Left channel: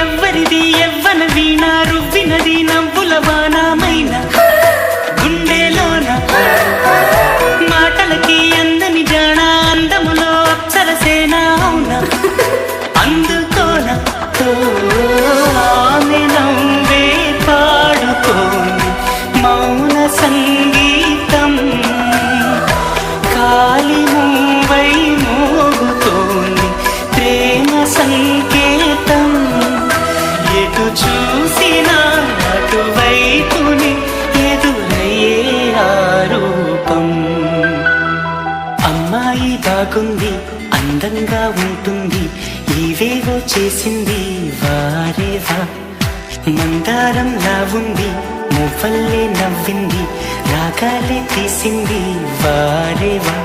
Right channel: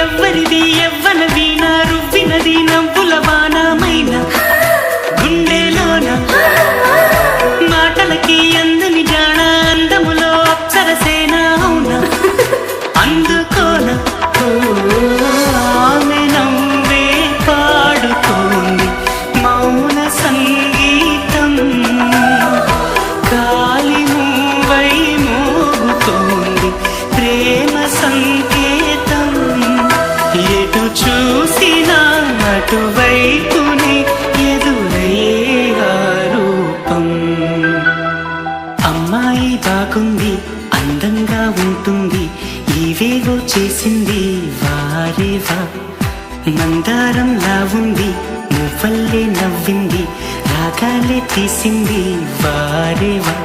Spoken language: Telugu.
ఎవ్వరిది ఎవ్వన వీణ రువ్వినది నవ్వుల వానమైన గుండెలోన మాటలకి అందని జాణ అందములో అప్సరసేన అవునా అందుకోన ఆమె నవ్వే పాడుతోంది మౌన సంగీతం గాలి మూవై మోగుతోంది ప్రేమ సంకేతం ఎటు చూసినా అటువైపుని ఎదురయ్యే ఆరూపం అమ్మాయి బాగుంది అందంగా ఉంటుంది ఏవేవో చేసింది వారేవా మందారంలా ఉంది మువ్వల్లే నవ్వింది రాగాలే తీసింది వారేవా